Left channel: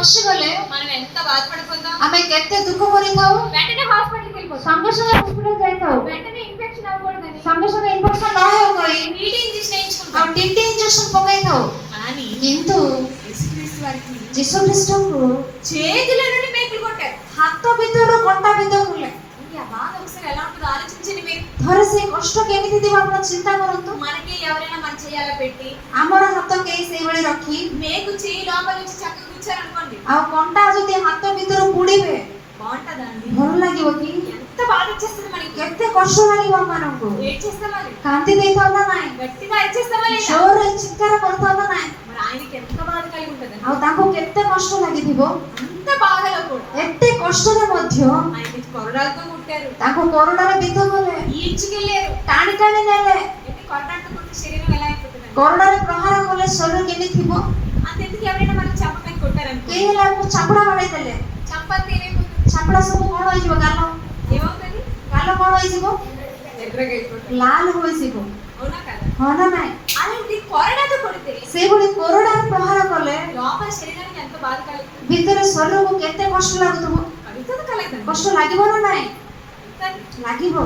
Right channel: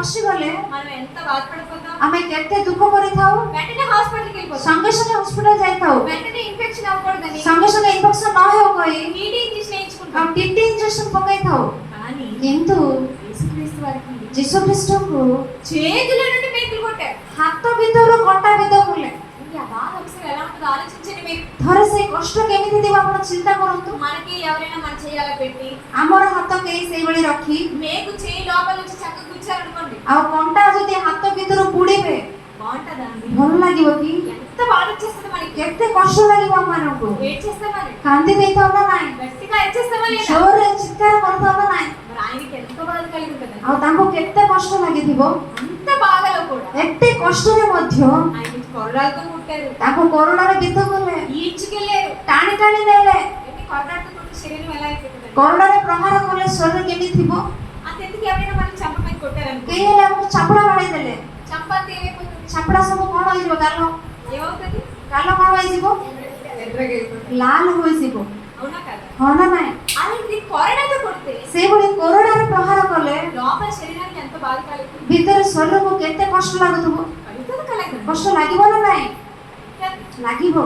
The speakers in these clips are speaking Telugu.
ପଶିଗଲେ మనం ఎంత బాధపడిపోతాం. ଆମେ କେତେ ଦୁଃଖ କରିଥାଉ। వెంటనే హాస్పిటల్కి వెళ్ళిపోతాం. ସଙ୍ଗେ ସଙ୍ଗେ ହସ୍ପିଟାଲ ଯାଇଥାଉ। వెంటనే ఇన్ఫెక్షన్ అవ్వకూడదని ସଙ୍ଗେ ସଙ୍ଗେ ଇନଫେକ୍ସନ ନ ହେଉ କହି టీటీ ఇంజెక్షన్ వేయించుకుంటాం. ଆଉ ଟିଟି ଇଞ୍ଜେକ୍ସନ ପକାଇଥାଉ। కానీ କିନ୍ତୁ యేసుక్రీస్తు వారికి ଯୀଶୁ ଖ୍ରୀଷ୍ଟଙ୍କୁ చేతుల నుండి మేకులు కొట్టారు. ହାତ ଭିତରୁ କଣ୍ଟା ବିନ୍ଧୁଥିଲେ। ఆ బాధ ఒకసారి ఎలా ఉంటుందో ఆలోచించండి మీరు. ଥରେ ସେଇ କଷ୍ଟ କେମିତି ଥିବ ଆପଣ ଚିନ୍ତା କରନ୍ତୁ। మనకి ఎవరైనా మన చేయాల పెట్టి ଆମର ହାତ କେହି ସେଇଭଳି ରଖି మేకు చేయి లోపల నుంచి చక్కగా కూర్చారనుకోండి, ଆଉ କଣ୍ଟା ଯଦି ହାତ ଭିତରୁ ବୁଡିବେ బాగుంటుందా అండి? ଭଲ ଲାଗିବ କି? ఎంత బాధ వచ్చేస్తుంది మనకి. କେତେ କଷ୍ଟ ଲାଗିବ ଆମମାନଙ୍କୁ। ఏడ్చేస్తామని, କାନ୍ଦି ଦେଇଥାଉ ନା ନାଇଁ? గట్టిగా అరిచేస్తామా లేదా? ଜୋରରେ ଚିତ୍କାର କରୁଥାଉ ନା ନାଇଁ? మరి ఆయనకి ఎంత బాధ కలిగి ఉంటుంది. ଆଉ ତାଙ୍କୁ କେତେ କଷ୍ଟ ଲାଗିଥିବ। అంత బాధలో కూడా ଏତେ କଷ୍ଟରେ ମଧ୍ୟ ఆయనకి కొరడాలతో కొట్టారు, ତାଙ୍କୁ କରୋନାରେ ବିଧ କଲେ, ఈడ్చుకెళ్ళారు. ଟାଣି ଟାଣି ନେଲେ। ఎన్ని కొరడాలతో కొట్టి శరీరం ఎలా అయిపోతుంది? କରୋନାରେ ପ୍ରହାର କଲେ ଶରୀର କେମିତି ଥିବ? అంతెందుకు ఎవరైనా మనం చంపమని కొట్టారనుకో, କେହି ହେଲେ ଆମକୁ ଚାପୁଡ଼ା ବାଡ଼େଇ ଦେଲେ, చంపంతే ఏమైపోతుంది? ଚାପୁଡ଼ା ସବୁ କଣ ହେଇଯିବ? ଗାଲ ఏమవుతుంది? ଗାଲ କଣ ହେଇଯିବ? ఎర్రగా అయిపోతుంది. ଲାଲ ହୋଇଯିବ। అవునా కదా? ହଁ ନା ନାଇଁ? అలాంటి కొరడాతో కొడితే ସେଇଭଳି କରୋନାରେ ପ୍ରହାର କଲେ లోపల శరీరానికి ఎంత బాధ కలుగుతుంది? ଭିତରେ ଶରୀରକୁ କେତେ କଷ୍ଟ ଲାଗୁଥିବ? కలుగుతుంది కలగదు? କଷ୍ଟ ଲାଗିବ ନା ନାଇଁ? ଲାଗିବ।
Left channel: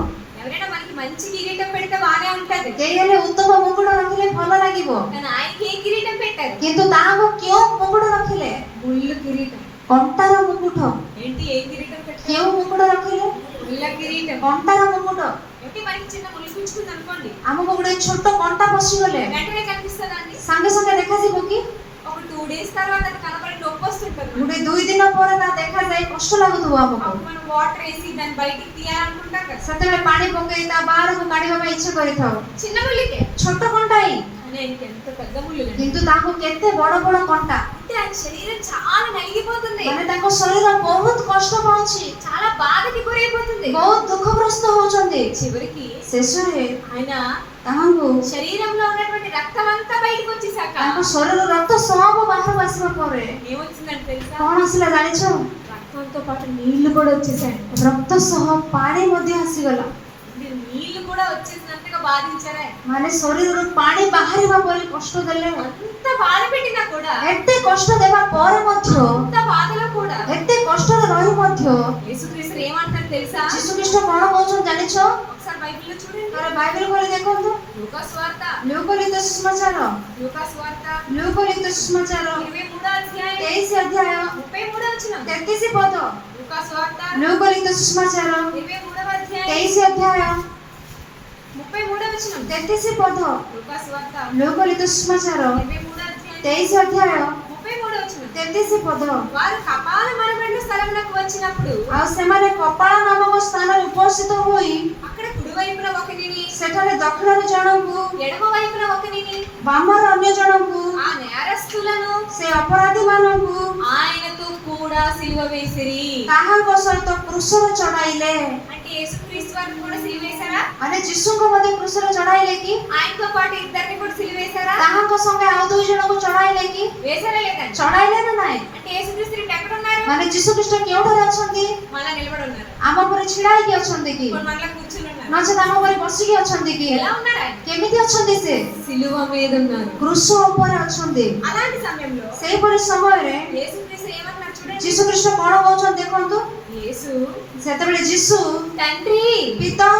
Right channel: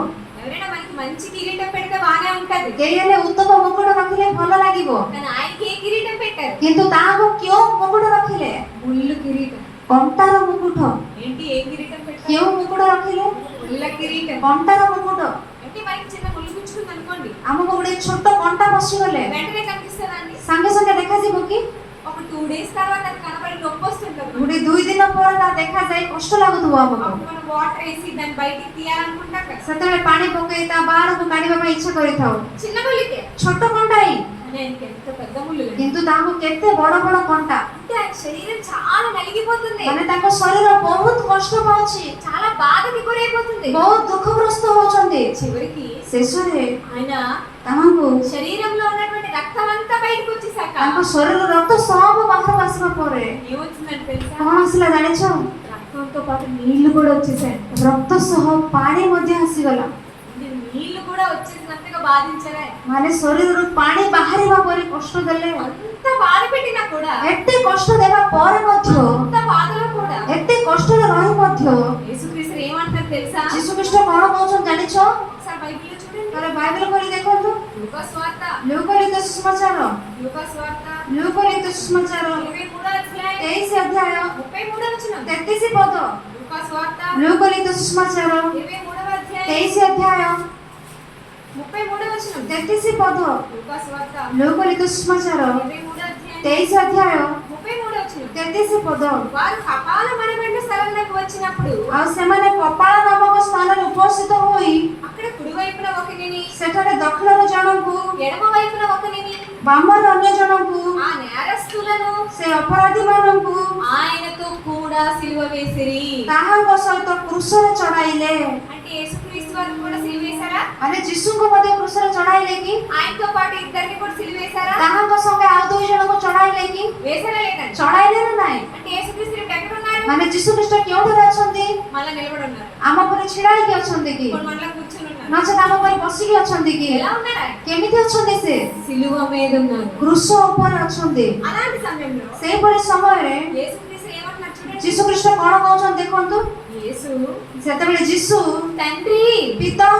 ఎవరైనా మనకి మంచి కిరీటం పెడితే బాగానే ఉంటది, କେହି ହେଲେ ଉତ୍ତମ ମୁକୁଟ ରଖିଲେ ଭଲ ଲାଗିବ। కానీ ఆయనకి ఏ కిరీటం పెట్టారు? କିନ୍ତୁ ତାହାକୁ କେଉଁ ମୁକୁଟ ରଖିଲେ? ముళ్ళు కిరీటం. କଣ୍ଟାର ମୁକୁଟ। ఏంటి ఏ కిరీటం పెట్టారు? କେଉଁ ମୁକୁଟ ରଖିଲେ? ముళ్ళ కిరీటం. କଣ୍ଟାର ମୁକୁଟ। ఏంటి మనకి చిన్న ముళ్ళు గుచ్చుకుంది అనుకోండి, ଆମକୁ ଗୋଟେ ଛୋଟ କଣ୍ଟା ପଶିଗଲେ వెంటనే కనిపిస్తుందా అండి? ସାଙ୍ଗେ ସାଙ୍ଗେ ଦେଖାଯିବ କି? ఒక 2 days తర్వాత అది కనపడి నొప్పి వస్తుంటుంది. ଗୋଟେ 2 ଦିନ ପରେ ତା ଦେଖାଯାଇ କଷ୍ଟ ଲାଗୁଥିବ ଆମକୁ। అప్పుడు మనం వాటర్ వేసి దాన్ని బయటికి తీయాలనుకుంటాం కదా. ସେତେବେଳେ ପାଣି ପକେଇ ତା ବାହାରକୁ କାଢିବା ପାଇଁ ଇଚ୍ଛା କରିଥାଉ। చిన్న ముళ్ళకే, ଛୋଟ କଣ୍ଟା ହିଁ, కానీ ఆయనకి ఎంత పెద్ద ముళ్ళు లేదు. କିନ୍ତୁ ତାଙ୍କୁ କେତେ ବଡ ବଡ କଣ୍ଟା। అంటే ఆయన శరీరం చాలా నలిగిపోతుంది, ମାନେ ତାଙ୍କ ଶରୀର ବହୁତ କଷ୍ଟ ପାଉଛି, చాలా బాధకి గురైపోతుంది. ବହୁତ ଦୁଃଖଗ୍ରସ୍ତ ହଉଛନ୍ତି। చివరికి ଶେଷରେ ఆయన ତାଙ୍କୁ శరీరంలో ఉన్నటువంటి రక్తం అంతా బయటకు వచ్చేసాక ତାଙ୍କ ଶରୀର ରକ୍ତ ସବୁ ବାହାରକୁ ଆସିବା ପରେ ఏమొచ్చిందంటే తెలుసా? କଣ ଆସିଲା ଜାଣିଛ? రక్తంతో పాటు నీళ్లు కూడా వచ్చేసాయి. ରକ୍ତ ସହ ପାଣି ମଧ୍ୟ ଆସିଗଲା। నీళ్లు కూడా వచ్చేసినంతగా బాధించారే. ମାନେ ଶରୀରରୁ ପାଣି ବାହାରିବା ପରେ କଷ୍ଟ ଦେଲେ। అంత బాధ పెట్టినా కూడా, ଏତେ କଷ୍ଟ ଦେବା ପରେ ମଧ୍ୟ, అంత బాధలో కూడా ଏତେ କଷ୍ଟରେ ରହି ମଧ୍ୟ యేసుక్రీస్తు ఏమంటారు తెలుసా? ଯୀଶୁ ଖ୍ରୀଷ୍ଟ କଣ କହୁଛନ୍ତି ଜାଣିଛ? ఒకసారి బైబిల్లో చూడండి. ଥରେ ବାଇବେଲ କରି ଦେଖନ୍ତୁ। లూకా స్వార్త, ଲୁକଲିଖିତ ସୁସମାଚାର, లూకా స్వార్త ଲୁକଲିଖିତ ସୁସମାଚାର 23వ అధ్యాయం 23 ଅଧ୍ୟାୟ 33వ వచనం. 33 ପଦ। లూకా స్వార్త ଲୁକଲିଖିତ ସୁସମାଚାର 23వ అధ్యాయం 23 ଅଧ୍ୟାୟ 33వ వచనం. 33 ପଦ। లూకా స్వార్త ଲୁକଲିଖିତ ସୁସମାଚାର 23వ అధ్యాయం 23 ଅଧ୍ୟାୟ 33వ వచనం. 33 ପଦ। వారు కపాల మనబడిన స్థలమునకు వచ్చినప్పుడు ଆଉ ସେମାନେ କପାଳ ନାମକ ସ୍ଥାନରେ ଉପସ୍ଥିତ ହୋଇ అక్కడ కుడి వైపున ఒకనిని, ସେଠାରେ ଦକ୍ଷିଣରେ ଜଣଙ୍କୁ, ఎడమ వైపున ఒకనిని, ବାମରେ ଅନ୍ୟ ଜଣଙ୍କୁ, ఆ నేరస్తులను ସେ ଅପରାଧୀମାନଙ୍କୁ ఆయనతో కూడా సిలువ వేసిరి. ତାହାଙ୍କ ସହିତ କୃଷରେ ଚଢାଇଲେ। అంటే యేసుక్రీస్తు వారిని కూడా సిలువ వేశారా? ମାନେ ଯୀଶୁଙ୍କୁ ମଧ୍ୟ କୃଷରେ ଚଢାଇଲେ କି? ఆయనతో పాటు ఇద్దరిని కూడా సిలువ వేశారా? ତାହାଙ୍କ ସଙ୍ଗେ ଆଉ 2 ଜଣଙ୍କୁ ଚଢାଇଲେ କି? వేశారా లేదండి? ଚଢାଇଲେ ନା ନାଇଁ? అంటే యేసుక్రీస్తు ఇప్పుడు ఎక్కడ ఉన్నారు? ମାନେ ଯୀଶୁ ଖ୍ରୀଷ୍ଟ କେଉଁଠାରେ ଅଛନ୍ତି? మళ్ళా నిలబడి ఉన్నారు, ଆମ ଉପରେ ଛିଡା ହେଇକି ଅଛନ୍ତି କି? ఇప్పుడు మళ్ళా కూర్చుని ఉన్నారు. ନଚେତ ଆମ ଉପରେ ବସିକି ଅଛନ୍ତି କି? ఎలా ఉన్నాడు ఆయన? କେମିତି ଅଛନ୍ତି ସେ? సిలువ మీద ఉన్నారు. କୃଷ ଉପରେ ଅଛନ୍ତି। అలాంటి సమయంలో ସେଇଭଳି ସମୟରେ యేసుక్రీస్తు ఏమంటున్నారు చూడండి. ଯୀଶୁ ଖ୍ରୀଷ୍ଟ କଣ କହୁଛନ୍ତି ଦେଖନ୍ତୁ। యేసు, ସେତେବେଳେ ଯୀଶୁ, తండ్రి ପିତା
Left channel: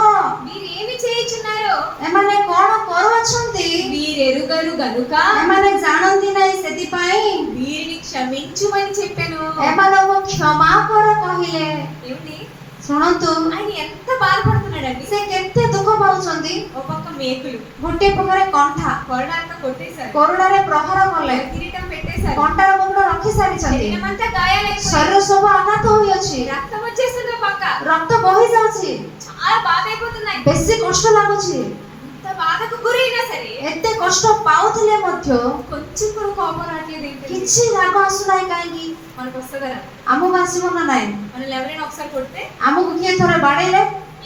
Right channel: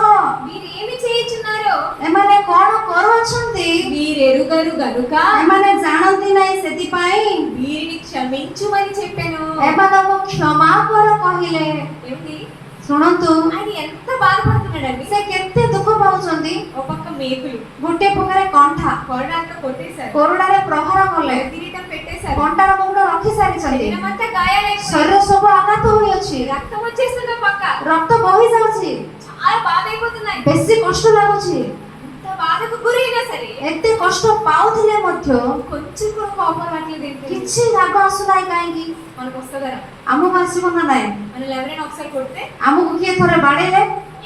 మీరేమి చేయుచున్నారో ଏମାନେ କଣ କରୁଅଛନ୍ତି వీరెరుగరు గనుక ଏମାନେ ଜାଣନ୍ତି ନାହିଁ, ସେଥିପାଇଁ వీరిని క్షమించుమని చెప్పాను. ଏମାନଙ୍କୁ କ୍ଷମା କର କହିଲେ। ఏమిటి? ଶୁଣନ୍ତୁ, ఆయన ఎంత బాధపడుతున్నాడండి. ସେ କେତେ ଦୁଃଖ ପାଉଛନ୍ତି। ఒక పక్క మేకులు, ଗୋଟିଏ ପ୍ରକାରେ କଣ୍ଟା కొరడాలతో కొట్టేశారు, କୋରଡ଼ାରେ ପ୍ରହାର କଲେ, కిరీటం పెట్టేశారు, କଣ୍ଟାର ମୁଣ୍ଡ ରଖି ସାରିଛନ୍ତି, శరీరం అంతా గాయాలైపోయి ଶରୀର ସବୁ ଆଘାତ ହୋଇଅଛି, రక్తం వచ్చేస్తుంది. ఒక పక్క ରକ୍ତ ବୋହି ଯାଉଛି, చాలా బాధ అయిపోతున్నాయి. ବେଶୀ କଷ୍ଟ ଲାଗୁଛି। ఇంత బాధకు గురైనా సరే ଏତେ କଷ୍ଟ ପାଉଥିଲେ ମଧ୍ୟ కొంచెం కూడా కోపం రావట్లేదు. ఏంటి? କିଛି ରାଗ ଆସୁନାହିଁ କାହିଁକି? మనకు వస్తుందా? ଆମକୁ ଆସିବ ନା ନାହିଁ? మనల్ని ఎవరైనా ఒకసారి కొడితే ଆମକୁ କିଏ ଥରେ ବାଡେଇଲେ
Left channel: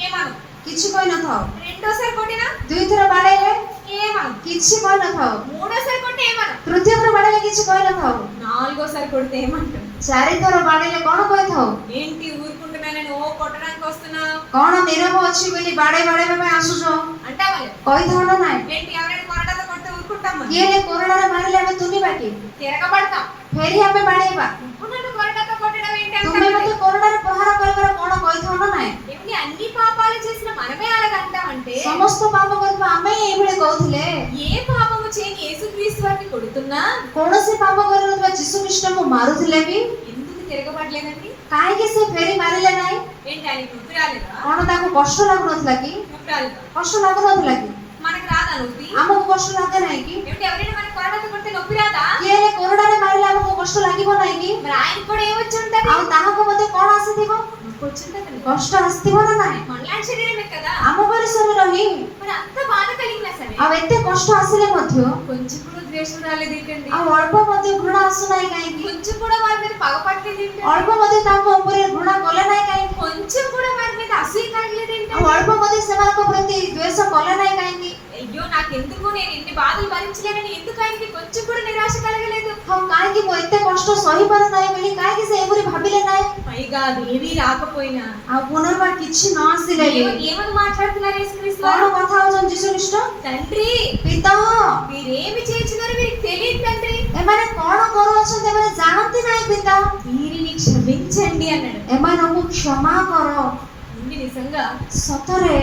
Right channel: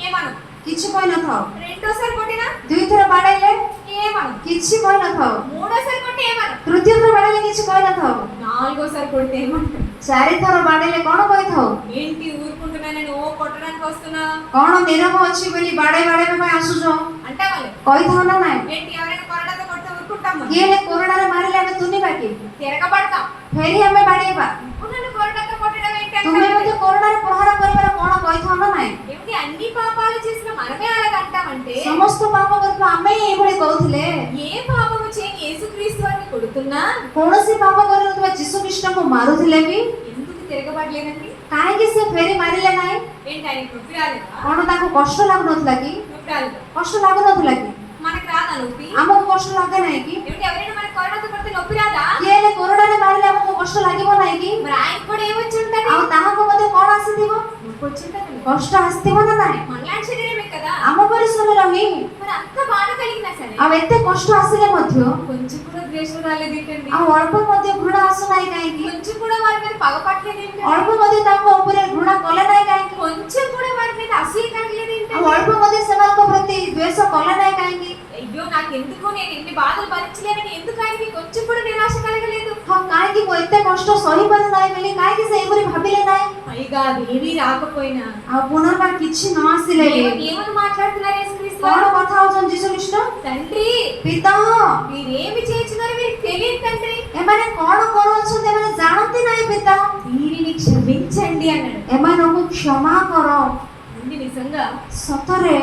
ఏమను, କିଛି କହିନଥାଉ, రెండోసారి కొట్టినా 2 ଥର ବାଡେଇଲେ ఏమను, କିଛି କହିନଥାଉ, మూడోసారి కొట్టి ఏమను, 3ୟ ଥର ବାଡେଇଲେ କିଛି କହିନଥାଉ, నాలుగోసారి కొడితే ఏమంటారు? 4 ଥର ବାଡେଇଲେ କଣ କହିଥାଉ? ఏంటి ఊరుకుంటున్నానని ఓ కొట్టడానికి వస్తున్నా କଣ ନିରବ ଅଛି ବୋଲି ବାଡେଇବା ପାଇଁ ଆସୁଛ అంటావాలి. କହିଥାଉ ନା ନାହିଁ? ఏంటి ఎవరైనా కొరడాతో కొడితే ఊరుకుంటాము? କିଏ କୋରଡ଼ାରେ ମାରିଲେ ଆମେ ତୁନିବା କି? తిరగబడతాం. ଫେରି ଆମେ ବାଡେଇବା। నువ్వు నన్ను కొరడాతో కొట్టడం ఏంటి ତୁମେ అంటాడు. ମତେ କୋରଡ଼ାରେ ପ୍ରହାର କରିବାର କ'ଣ କହିଥାନ୍ତ ନାହିଁ? ఏమిటి అన్ని పాపాలు చేసిన మనమే అలాగంటామంటే ସମସ୍ତ ପାପ କରୁଥିବା ଆମେ ହିଁ ଏଭଳି କହୁଥିଲେ। ఏ పాపము చేయని యేసుక్రీస్తు వారిని కొడుతున్నా କୌଣସି ପାପ କରୁନଥିବା ଯୀଶୁ ଖ୍ରୀଷ୍ଟଙ୍କୁ ମାରୁଥିଲେ ବି ఎందుకు తిరగబడలేదండి? କାହିଁକି ସେ ଫେରି ମାରିଲେ ନାହିଁ? ఏంటి ఆయన నొప్పి రాలేదా? କ'ଣ ତାଙ୍କୁ କଷ୍ଟ ଲାଗୁନଥିଲା କି? నొప్పి రాలేదా? କଷ୍ଟ ଲାଗୁନଥିଲା କି? మనకు రాదా నొప్పి? ଆମକୁ କଷ୍ଟ ଲାଗେ ନାହିଁ କି? ఏమిటి ఎవరైనా మనకి కొరడాతో కొడితే నొప్పి రాదా? କିଏ ହେଲେ କୋରଡ଼ାରେ ମାରିଲେ ଆମକୁ କଷ୍ଟ ଲାଗିବ ନାହିଁ କି? మరి ఆయన కూడా ఏమొచ్చి ఉంటది? ଆଉ ତାହାକୁ ମଧ୍ୟ କ'ଣ ଆସିଥିବ? నొప్పి వచ్చింటది. କଷ୍ଟ ଆସିଥିବ ନା ନାହିଁ? మనలాంటి శరీరమే కదా. ଆମ ପରି ଶରୀର ହିଁ। మరి అంత బాధ కలిగినా సరే ଆଉ ଏତେ କଷ୍ଟ ଆସିଲେ ମଧ୍ୟ కొంచెం కూడా ద్వేషం రాలేదు ఏంటండి? ଆଉ ଅଳ୍ପ ମଧ୍ୟ ଘୃଣା ଆସୁନାହିଁ କାହିଁକି? కొంచెం కూడా వారి మీద పగపట్టలేదు ఏంటండి? ଅଳ୍ପ ମଧ୍ୟ ତାଙ୍କ ଉପରେ ଘୃଣା କଲେ ନାହିଁ କାହିଁକି? కొంచెం కూడా వారి మీద అసూయ కలగలేదు ଆଉ ఏంటండి? ଅଳ୍ପ ମଧ୍ୟ ସେମାନଙ୍କ ପ୍ରତି ଦ୍ୱେଷ କଲେ ନାହିଁ କାହିଁକି? అయ్యో నాకెందుకు, నేను ఎన్ని బాధలు భరించలేనని ఎందుకు ఆయనకి కొంచెం కూడా నిరాశ కలగలేదు? ହଁ କାହିଁକି ମୁଁ ଏତେ କଷ୍ଟ ସହିପାରୁ ନାହିଁ ବୋଲି କାହିଁକି ସେ ଏପରି ଭାବିଲେ ନାହିଁ? పైగా అదేమీ రాకపోయినా ଆଉ ପୁନର୍ବାର କିଛି ନ ଆସିଲେ ବି ఏమని మాట్లాడుతున్నారు యేసుక్రీస్తు କ'ଣ వారు? କଥା ହଉଛନ୍ତି ଯୀଶୁ ଖ୍ରୀଷ୍ଟ? తండ్రి ପିତା మీరేమి చేస్తున్నారో మీకు తెలియదు తండ్రి, ଏମାନେ କ'ଣ କରୁଅଛନ୍ତି ଏମାନେ ଜାଣନ୍ତି ନାହିଁ ପିତା। వీరిని క్షమించండి అన్నాడు. ଏମାନଙ୍କୁ କ୍ଷମା କର। అండి నిజంగా ସତରେ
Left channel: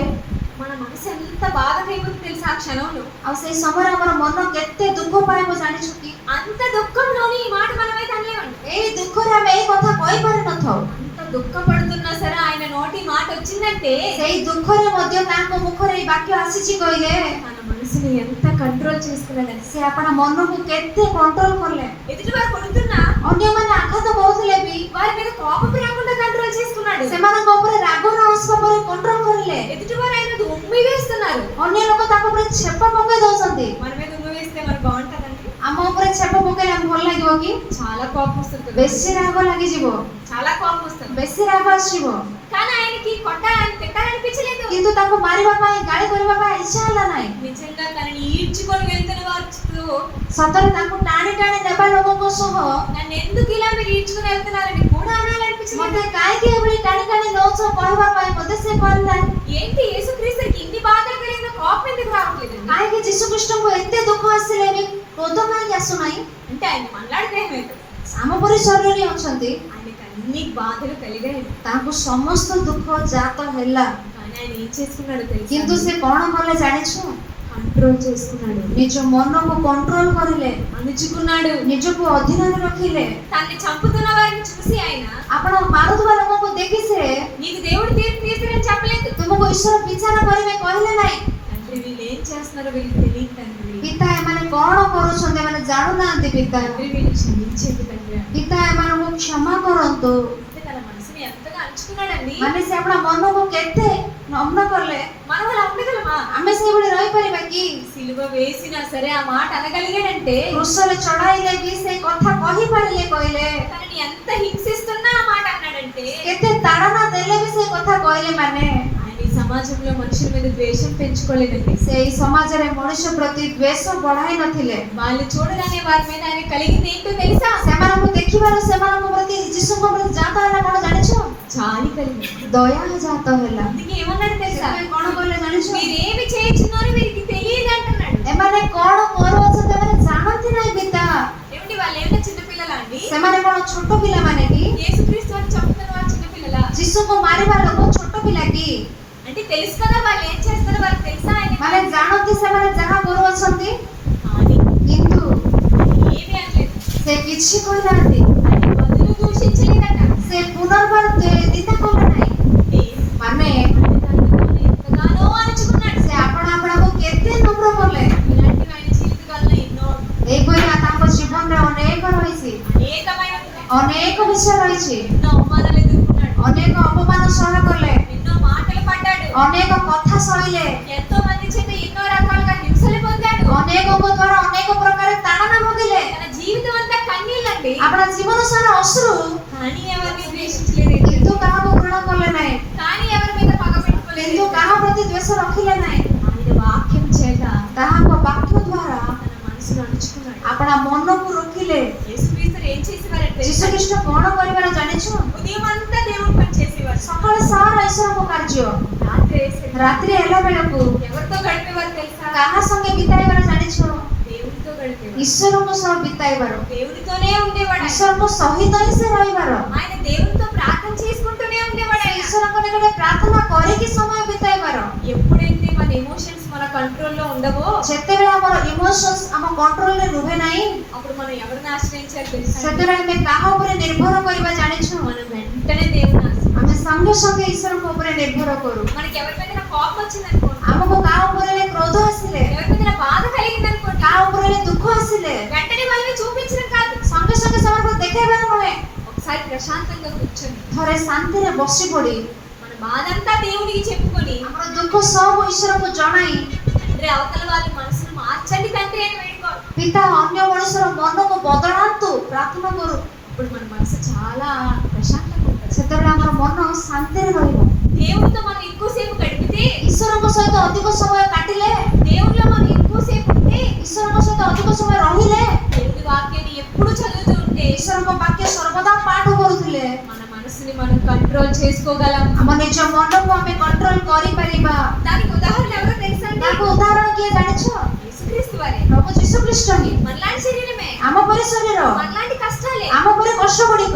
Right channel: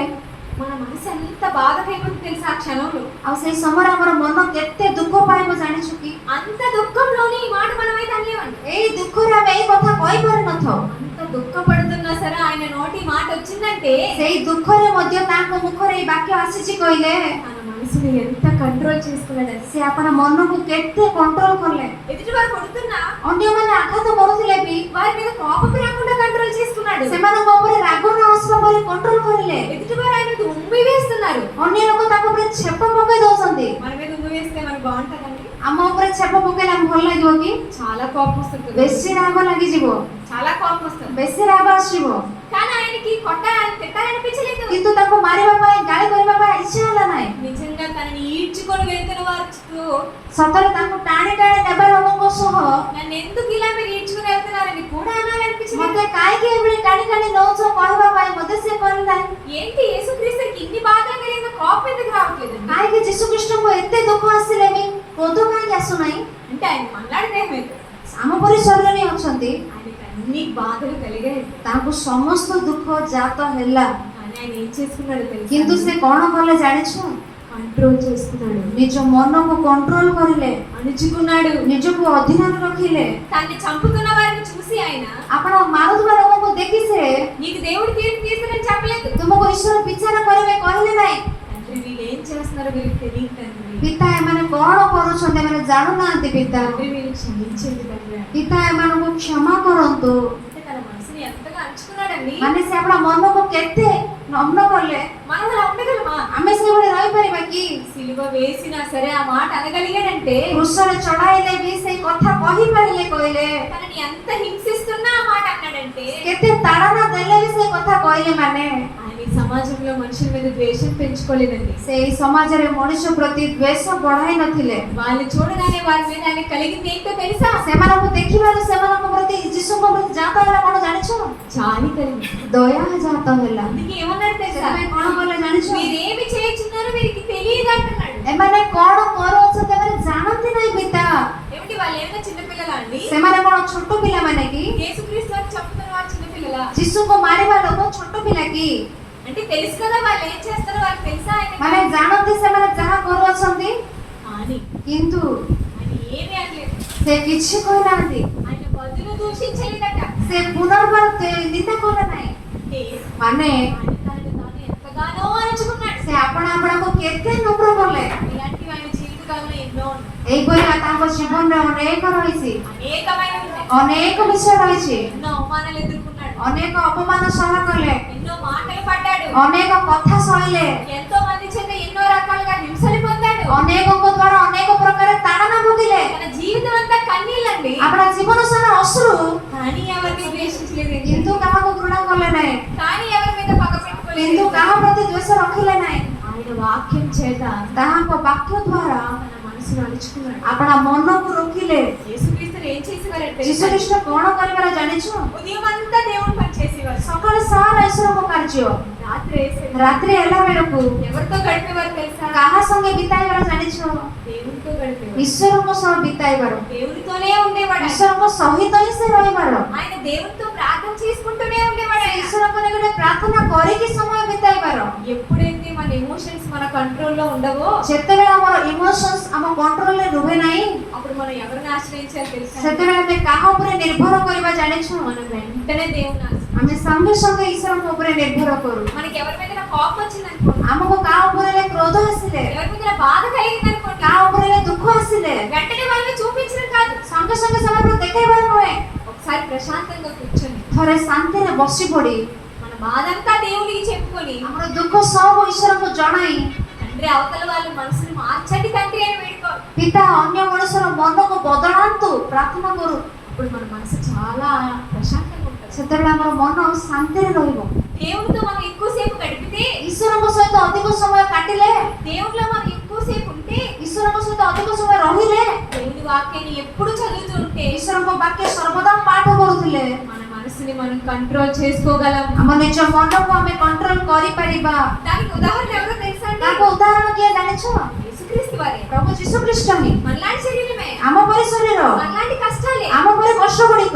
మన మనసు ఎంత బాధకైపోతుంది తెలుసా ఆ క్షణంలో. ଆଉ ସେଇ ସମୟରେ ଆମର ମନ କେତେ ଦୁଃଖ ପାଇବ ଜାଣିଛୁ କି? అంత దుఃఖంలోని ఈ మాట మనమైతే అనలేమండి. ଏଇ ଦୁଃଖରେ ଆମେ ଏଇ କଥା କହିପାରିନଥାଉ। అంత దుఃఖపడుతున్నా సరే ఆయన నోటి మాట వచ్చిందంటే ସେଇ ଦୁଃଖରେ ମଧ୍ୟ ତାଙ୍କ ମୁଖରେ ଏଇ ବାକ୍ୟ ଆସିଛି କହିଲେ మన మనసుని ఎంత కంట్రోల్ చేసుకున్నాడండి. ସେ ଆପଣ ମନକୁ କେତେ କଣ୍ଟ୍ରୋଲ କଲେ। ఎదుటి వారు కొడుతున్నా ଅନ୍ୟମାନେ ଆଘାତ କରୁଥିଲେ ବି వారి మీద కోపం రాకుండా కంట్రోల్ చేసుకున్నాడు. ସେମାନଙ୍କ ଉପରେ ରାଗ ନ ଆସିବା ପରି କଣ୍ଟ୍ରୋଲ କରିଲେ। ఎదుటి వారు ఆయన మీద ఉమ్మి వేస్తున్నారు, ଅନ୍ୟ ଲୋକ ତାଙ୍କ ଉପରେ ଛେପ ପକେଇ ଦଉଛନ୍ତି। మన మీద ఉమ్మి వేస్తే మరి బాగుంటదండి? ଆମ ଉପରେ ଛେପ ପକେଇଲେ ଆମକୁ ଭଲ ଲାଗିବ କି? చాలా కోపం వస్తుంది, ବେଶୀ ରାଗ ଲାଗିଯିବ, చాలా కోపం వస్తుంది. ବେଶୀ ରାଗ ଆସିବ। కానీ ఆయనకి కొట్టాలని తిట్టాలనిపించలేదు. କିନ୍ତୁ ତାଙ୍କୁ ମାରିବା ପାଇଁ ଗାଳି କରିବା ପାଇଁ ଇଚ୍ଛା ହେଲା ନାହିଁ। నిజంగా తనని ఈడ్చుకొని వెళ్తున్న వారు ସତରେ ତାଙ୍କୁ ଟାଣି ଟାଣି ନେବା ଲୋକଙ୍କ ସହ నన్ను ఎందుకు ఇలా మీరు ఈడ్చుకొని వెళ్తున్నారని కూడా అనాలనిపించలేదు. ମତେ କାହିଁକି ଏଭଳି ଟାଣି ଟାଣି ନଉଛ କହିବା ପାଇଁ ମଧ୍ୟ ସେ କରିଲା। ఏంటి యేసుక్రీస్తుకి ఇన్ని బాధలు కలిగిన కోపం ఎందుకు రావట్లేదు? କାହିଁକି ଯୀଶୁ ଖ୍ରୀଷ୍ଟଙ୍କୁ ଏତେ ଦୁଃଖ ଆସିଲେ ବି କ୍ରୋଧ କାହିଁକି ଆସୁନାହିଁ? అంటే ఆయన మనలాడితే ଆମ ପରି ଶରୀରରେ ଅଛନ୍ତି, ఆయనకి అన్ని బాధలు కలిగాయి. ତାଙ୍କୁ ସମସ୍ତ ଦୁଃଖ ଜାତ ହେଲା, కానీ ఆయన ఏం చేసుకున్నాడు କିନ୍ତୁ తెలుసు? ସେ କ'ଣ କଲେ ଜାଣିଛୁ? కంట్రోల్ చేసుకున్నాడు, ନିଜ ମନକୁ କଣ୍ଟ୍ରୋଲ କରିଲେ, అణుచుకున్నాడు. ନିଜକୁ ଅଧୀନରେ ରଖିଲେ। తన్ని చంపుతున్న వారిని చూసి ఆయన ଆପଣ ମାରୁଥିବା ଲୋକଙ୍କୁ ଦେଖି ସେ నీకు దేవుడు తీర్పు తీర్చునని చెప్పలేదు. ତୁମକୁ ଈଶ୍ୱର ବିଚାର କରିବେ କହିଲେ ନାହିଁ। తండ్రి వీళ్ళు ఏం చేస్తున్నారో వీళ్ళకి తెలియదు తండ్రి. ପିତା ଏମାନେ କ'ଣ କରୁଛନ୍ତି ଏମାନେ ଜାଣୁନାହାନ୍ତି। ପିତା తండ్రి వీళ్ళు క్షమించండి తండ్రి. ପିତା ଏମାନଙ୍କୁ କ୍ଷମା କରନ୍ତୁ। అంటే తన మనసుని ఎంతగా అణుచుకున్నాడండి. ମାନେ ସେ ଆପଣ ମନକୁ କେତେ ନମ୍ନ କଲେ। మనం అలా ఉండగలమా? ଆମେ ସେଇଭଳି ରହିପାରିବା କି? సిలువ వేసినా సరే ఆ మాట అనగలిగాడంటే କୃଷରେ ଚଢାଇଲେ ବି ସେଇ କଥା କହିପାରିଲେ କହିଲେ। తనని ఎంత హింసిస్తున్నా ఆ మాట అన్నాడంటే କେତେ ତାଡ଼ନା ଦେଲେ ବି ସେ କଥା କହିଲେ ମାନେ ఆయన ఈ సమాజంలో మనుషుల మీద ద్వేషం పెంచుకోలేదండి. ସେଇ ସମାଜରେ ମଣିଷ ପ୍ରତି ଦ୍ୱେଷ ବଢାଇ ନଥିଲେ। వాళ్ళు చూడగానే వారి మీద ఆయన కలిగింది ఏంటో తెలుసా? ସେମାନଙ୍କୁ ଦେଖିବାରୁ ସେମାନଙ୍କ ପ୍ରତି ଯୀଶୁଙ୍କ ପ୍ରତି ଜାତ ହେଲା କ'ଣ ଜାଣିଛ? జాలి కలిగింది. ଦୟା ଜାତ ହେଲା। అందుకే ఏమన్నాడు తెలుసా? ସେଥିପାଇଁ କ'ଣ କଲେ ଜାଣିଛ? మీరేమి చేస్తున్నారో వీరికి తెలియదు అంటున్నాడు. ଏମାନେ କ'ଣ କରୁଅଛନ୍ତି ଏମାନେ ଜାଣନ୍ତି ନାହିଁ ପିତା। ఏమిటి వాళ్ళు ఏమైనా చిన్నపిల్లలా అండి? ସେମାନେ କ'ଣ ଛୋଟ ପିଲାମାନେ କି? యేసుక్రీస్తు వారు చంపుతున్న వారు చిన్నపిల్లలా? ଯୀଶୁଙ୍କୁ ମାରିବା ଲୋକ ଛୋଟ ପିଲା କି? అంటే తెలుసు కదా వాళ్ళు ఏం చేస్తారో వాళ్ళకి తెలుసా? ମାନେ ଜାଣନ୍ତି ସେମାନେ ଯାହା କରୁଅଛନ୍ତି, కానీ କିନ୍ତୁ ఆయన ఏమీ అనలేదు. ସେ କିଛି କହିନାହାନ୍ତି। ఆయన బదులు దూషించలేదట. ସେ పునర్ବାର ନିନ୍ଦା କଲେ ନାହିଁ। అంటే ମାନେ ఆయన తనను తాను ఎంతగానో అణచుకున్నాడు. ସେ ଆପଣ ଆପଣଙ୍କୁ କେତେ ନମ୍ର କଲେ। ఇలాంటివి ఆయన జీవితకాలంలో ఎన్నో ఉన్నాయి. ଏଇପରି ତାଙ୍କ ଜୀବନରେ ଅନେକ ରହିଛି, అనేకమైన ఉన్నాయి. ଅନେକ ବିଷୟ ରହିଛି। ఎన్నో అవమానాలు ఎదుర్కొన్నాడు, ଅନେକ ଅପମାନ ସହ కଲେ, ఎన్నో మాటలు పడ్డాడు, ଅନେକ କଥା ସହିଲେ, ఎంతో మంది చేత ఎన్నో రకాలుగా హింసలు పొందాడు. ଅନେକଙ୍କ ଦ୍ୱାରା ଅନେକ ପ୍ରକାର ତାଡ଼ନା ଭୋଗିଲେ। తన జీవితం అంతా కన్నీళ్ళండి. ଆପଣ ଜୀବନ ସାରା ଅଶ୍ରୁ, కానీ ఎవరిని ద్వేషించలేదు, କିନ୍ତୁ କାହାକୁ ଘୃଣା କଲେ ନାହିଁ, కానీ ఎవరి మీద పగ କିନ୍ତୁ పెట్టుకోలేదు. କାହା ପ୍ରତି ଦ୍ୱେଷ ରଖିଲେ ନାହିଁ। ఆయన వాక్యం చేత ତାହାଙ୍କ ବାକ୍ୟ ଦ୍ୱାରା తన మనసును అణుచుకున్నాడు. ଆପଣ ମନକୁ ରୋକିଲେ। యేసుక్రీస్తు ఏం చేసేవారంటే ଯୀଶୁ ଖ୍ରୀଷ୍ଟ କ'ଣ କରିବାର ଜାଣିଛୁ? ఉదయం అంతా దేవుని పని చేసేవారు, ସକାଳ ସାରା ଈଶ୍ୱରଙ୍କ କାର୍ଯ୍ୟ, రాత్రి వేసేవారు. ରାତ୍ରି ହେଲା ବେଳକୁ ఎవరితో గడిపేవారు తెలుసా? କାହା ସଙ୍ଗେ ବିତାଇବାର ଜାଣିଛ? దేవునితో గడిపేవారు. ଈଶ୍ୱରଙ୍କ ସହ ବିତାଇବାର। దేవునితోనే ఉండేవాడు. ଈଶ୍ୱରଙ୍କ ସହିତ ହିଁ ସେ దేవునితో ప్రార్థన చేసుకుంటూనే ఉండేవాడు ఆయన. ଈଶ୍ୱରଙ୍କ ନିକଟରେ ପ୍ରାର୍ଥନା କରିକି ସମୟ ବିତାଇବାର। ఎప్పుడైతే మన ఎమోషన్స్ మన కంట్రోల్లో ఉండవో ଯେତେବେଳେ ଆମର ଇମୋସନ୍ସ ଆମ କଣ୍ଟ୍ରୋଲରେ ରୁହେ ନାହିଁ, అప్పుడు మనం ఎవరిని ఆశ్రయించాలి తెలుసా? ସେତେବେଳେ ଆମେ କାହା ଉପରେ ନିର୍ଭର କରିବା ଜାଣିଛୁ? మనం వెంటనే దేవుని ఆశ్రయించాలి. ଆମେ ସଙ୍ଗେ ସଙ୍ଗେ ଈଶ୍ୱରଙ୍କ ଉପରେ ନିର୍ଭର କରୁ। మనకి ఎవరి మీద కోపం వచ్చిందనుకోండి, ଆମକୁ କାହା ଉପରେ ହେଲେ କ୍ରୋଧ ଆସିଲେ, ఎవరి మీద బాధ కలిగిందనుకోండి, କାହା ଉପରେ ହେଲେ ଦୁଃଖ ଆସିଲେ వెంటనే వాళ్ళని చూపించడం కాదు, ସଙ୍ଗେ ସଙ୍ଗେ ସେମାନଙ୍କୁ ଦେଖେଇବାର ନୁହେଁ। ఒకసారి ప్రశాంతంగా కూర్చొని ଥରେ ଶାନ୍ତିରେ ବସି ପଡି మన బాధంతా దేవునికి చెప్పుకొని, ଆମର ଦୁଃଖ ସବୁ ଈଶ୍ୱରଙ୍କୁ ଜଣାଇ, తండ్రి అవతల వాళ్ళ మనసును మార్చండి తండ్రి అని వేడుకోవాలి. ପିତା ଅନ୍ୟ ମଣିଷର ମନକୁ ବଦଳାନ୍ତୁ ପ୍ରାର୍ଥନା କରୁ। ఇప్పుడు మన మనసు చాలా ప్రశాంతంగా ఉంటుంది. ସେତେବେଳେ ଆମର ମନ ଶାନ୍ତିରେ ରହିବ। దేవునితో మనం ఎక్కువసేపు గడిపితే, ଈଶ୍ୱରଙ୍କ ସହିତ ଅଧିକ ସମୟ କାଟିଲେ, దేవునిలో మనం ఎక్కువసేపు ఉంటే, ଈଶ୍ୱରଙ୍କ ସହିତ ଅଧିକ ସମୟ ରହିଲେ, దేవుని వాక్యాన్ని ఎప్పుడు చదువుతూ ఉంటే, ଈଶ୍ୱରଙ୍କ ବାକ୍ୟ ସର୍ବଦା ପାଠ କରୁଥିଲେ మన మనసుని మనం కంట్రోల్ చేసుకోగలం. ଆମ ନିଜ ମନକୁ ଆମେ କଣ୍ଟ୍ରୋଲ କରିପାରିବା। దానికి ఉదాహరణ ఎవరో తెలుసా అండి? ତାକୁ ଉଦାହରଣ କିଏ ଜାଣିଛ? యేసుక్రీస్తు వారే. ପ୍ରଭୁ ଯୀଶୁ ଖ୍ରୀଷ୍ଟ ହିଁ। మనలాంటి శరీరమే, ଆମ ପରି ଶରୀର, మనలాంటి కష్టాలే, ଆମ ପରି କଷ୍ଟ ଗୁଡିକ,